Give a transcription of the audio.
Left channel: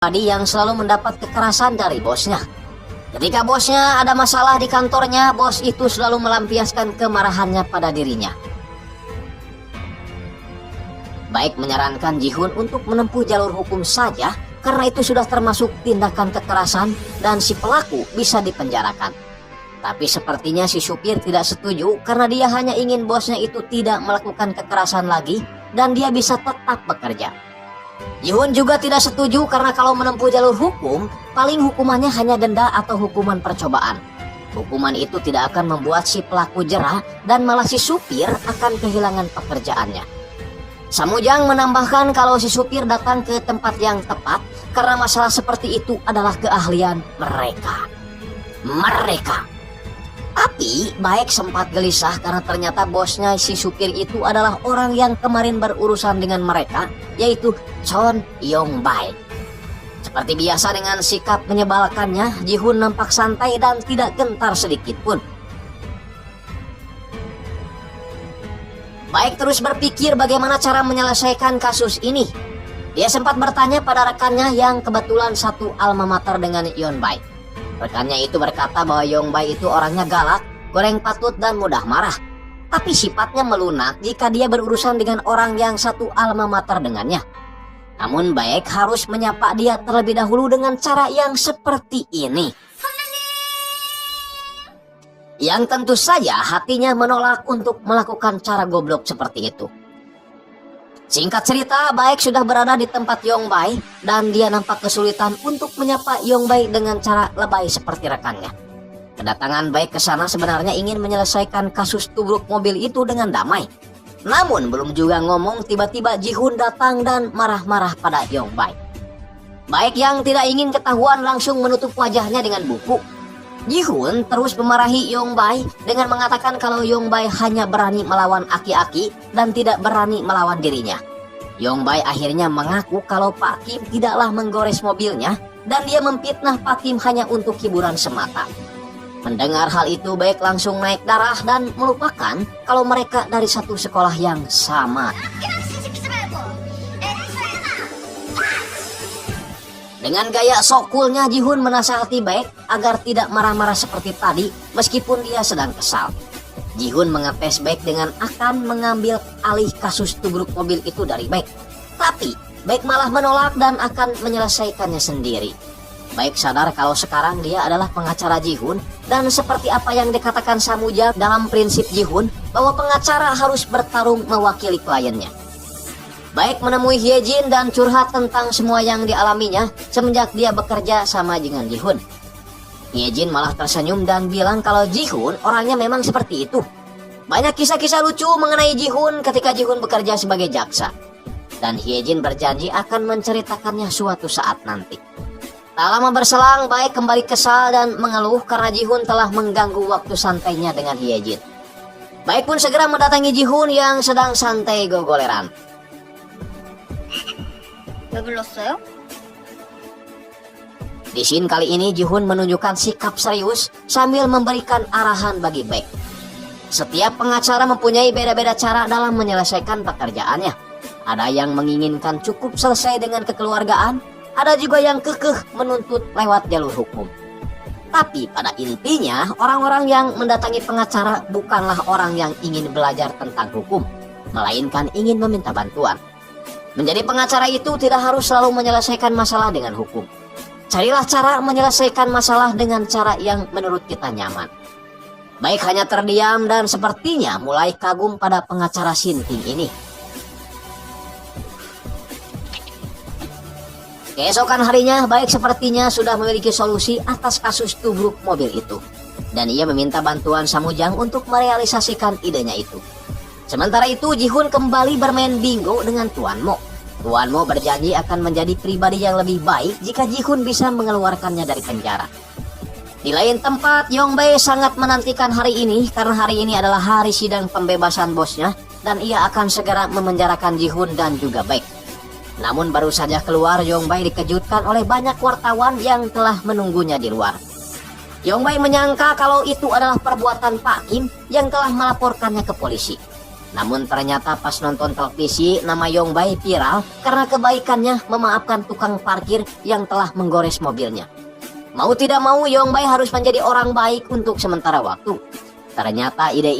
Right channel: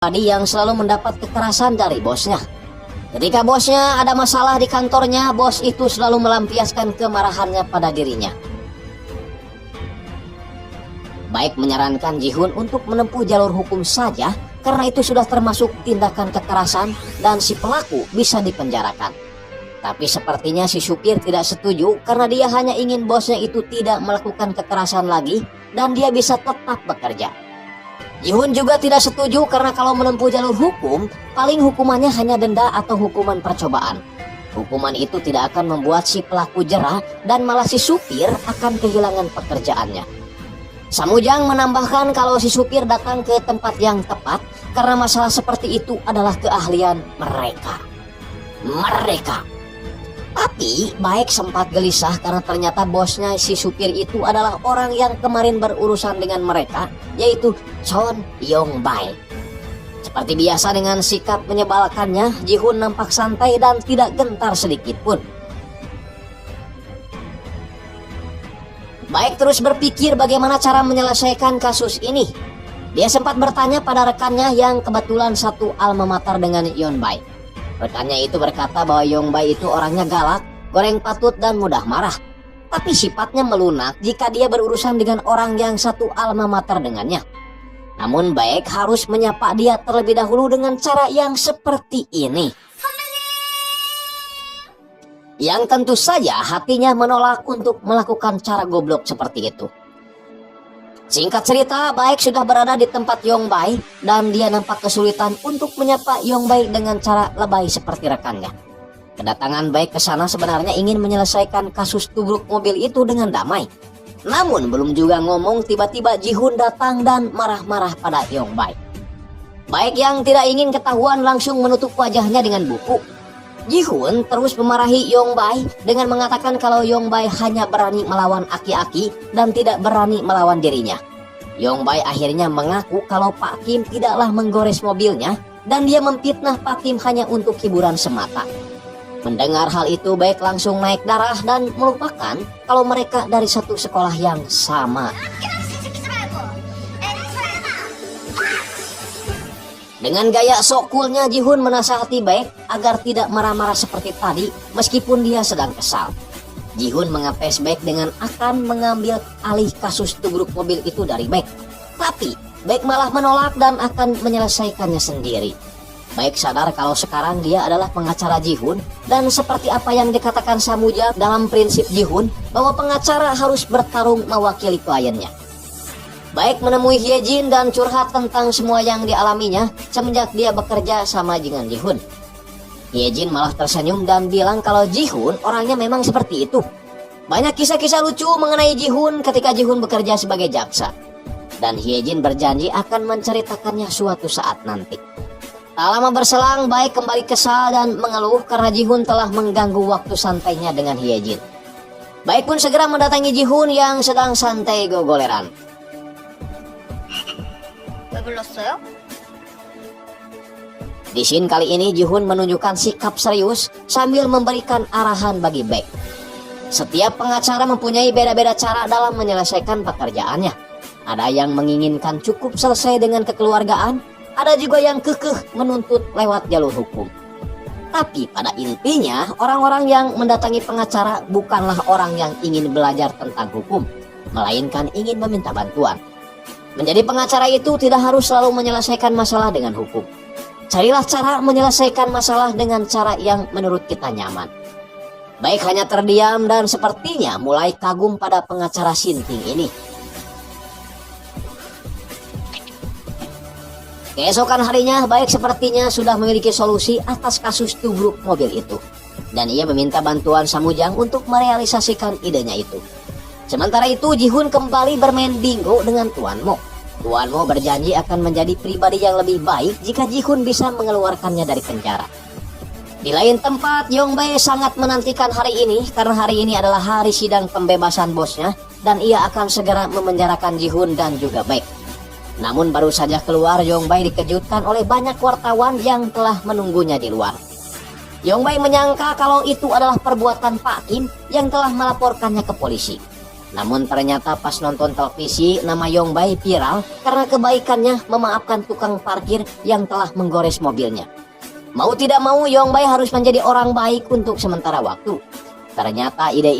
Adi yang selalu mendapat kekerasan dari bosnya. Ketika bosnya ada masalah di kantornya, bos itu selalu melampiaskan kemarahannya pada dirinya. Baik menyarankan Ji-hun untuk menempuh jalur hukum saja, karena itu sudah termasuk tindakan kekerasan dan si pelaku bisa dipenjarakan. Tapi sepertinya si supir tidak setuju karena dia hanya ingin bosnya itu tidak melakukan kekerasan lagi dan dia bisa tetap bekerja. Ji-hun juga tidak setuju karena kalau menempuh jalur hukum, paling hukumannya hanya denda atau hukuman percobaan. Hukuman itu tidak akan membuat si pelaku jera dan malah si supir akan kehilangan pekerjaannya. Samujang menambahkan kalau si supir datang ke tempat yang tepat karena masalah seperti itu adalah keahlian mereka. Tapi Baek sempat gelisah karena ternyata bosnya si supir itu adalah orang yang kemarin berurusan dengan mereka, yaitu Chon Yong-bae. Seperti biasa dengan sikap menyebalkannya, Ji-hun nampak santai dan tidak gentar sedikit pun. Baek terus berpikir bagaimana cara menyelesaikan kasus ini. Dia sempat bertanya pada rekannya yang kebetulan satu alma mater dengan Yeon-bae. Rekannya itu berkata bahwa Yong-bae itu orangnya galak, goreng patut dan mudah marah. Tapi sifatnya melunak jika dia berurusan dengan orang yang satu alma mater dengannya. Namun Baek harus menyapa dia terlebih dahulu dengan cara yang seperti ini. Yang tentu saja hatinya menolak untuk melakukan cara goblok seperti itu. Singkat cerita, Baek sudah berada di tempat Yong-bae dan dia nampak kesulitan untuk menyapa Yong-bae dengan cara lebay seperti rekannya. Kedatangan Baek ke sana sebenarnya ingin menyelesaikan kasus tubruk mobil itu dengan damai. Namun belum juga ngomong tiba-tiba Ji-hun datang dan marah-marah pada Yong-bae. Baek yang tidak ingin ketahuan langsung menutup wajahnya dengan buku. Ji-hun terus memarahi Yong-bae dengan mengatakan kalau Yong-bae hanya berani melawan aki-aki dan tidak berani melawan dirinya. Yong-bae akhirnya mengaku kalau Pak Kim tidaklah menggores mobilnya dan dia memfitnah Pak Kim hanya untuk hiburan semata. Mendengar hal itu Baek langsung naik darah dan melupakan kalau mereka dari satu sekolah yang sama. Dengan gaya sok coolnya Ji-hun menasihati Baek agar tidak marah-marah seperti tadi meskipun dia sedang kesal. Ji-hun mengetes Baek dengan akan mengambil alih kasus tubruk mobil itu dari Baek. Tapi Baek malah menolak dan akan menyelesaikannya sendiri. Baek sadar kalau sekarang dia adalah pengacara Ji-hun dan seperti apa yang dikatakan Samujang dalam prinsip Ji-hun bahwa pengacara harus bertarung mewakili kliennya. Baek menemui Hyejin dan curhat tentang semua yang dialaminya semenjak dia bekerja sama dengan Ji-hun. Hyejin malah tersenyum dan bilang kalau Ji-hun orangnya memang seperti itu. Banyak kisah-kisah lucu mengenai Ji-hun ketika Ji-hun bekerja sebagai jaksa. Dan Hyejin berjanji akan menceritakannya suatu saat nanti. Tak lama berselang, Baek kembali kesal dan mengeluh karena Ji-hun telah mengganggu waktu santainya dengan Hyejin. Baek pun segera mendatangi Ji-hun yang sedang santai gogoleran. Di scene kali ini Ji-hun menunjukkan sikap serius sambil memberikan arahan bagi Baek. Setiap pengacara mempunyai beda-beda cara dalam menyelesaikan pekerjaannya. Ada yang menginginkan cukup selesai dengan kekeluargaan, ada juga yang kekeh menuntut lewat jalur hukum. Tapi pada intinya orang-orang yang mendatangi pengacara bukanlah orang yang ingin belajar tentang hukum, melainkan ingin meminta bantuan. Menjadi pengacara itu tidak harus selalu menyelesaikan masalah dengan hukum. Carilah cara menyelesaikan masalah dengan cara yang menurut kita nyaman. Baek hanya terdiam dan sepertinya mulai kagum pada pengacara Sinting ini. Keesokan harinya, Baek sepertinya sudah memiliki solusi atas kasus tubruk mobil itu. Dan ia meminta bantuan Samujang untuk merealisasikan idenya itu. Sementara itu, Ji-hun kembali bermain bingo dengan Tuan Mo. Tuan Mo berjanji akan menjadi pribadi yang lebih baik jika Ji-hun bisa mengeluarkannya dari penjara. Di lain tempat, Yong-bae sangat menantikan hari ini karena hari ini adalah hari sidang pembebasan bosnya dan ia akan segera memenjarakan Ji-hun dan juga Baek. Namun baru saja keluar, Yong-bae dikejutkan oleh banyak wartawan yang telah menunggunya di luar. Yong-bae menyangka kalau itu adalah perbuatan Pak Kim yang telah melaporkannya ke polisi. Namun ternyata pas nonton televisi, nama Yongbei viral karena kebaikannya memaafkan tukang parkir yang telah menggores mobilnya. Mau tidak mau, Yongbei harus menjadi orang baik untuk sementara waktu. Ternyata ide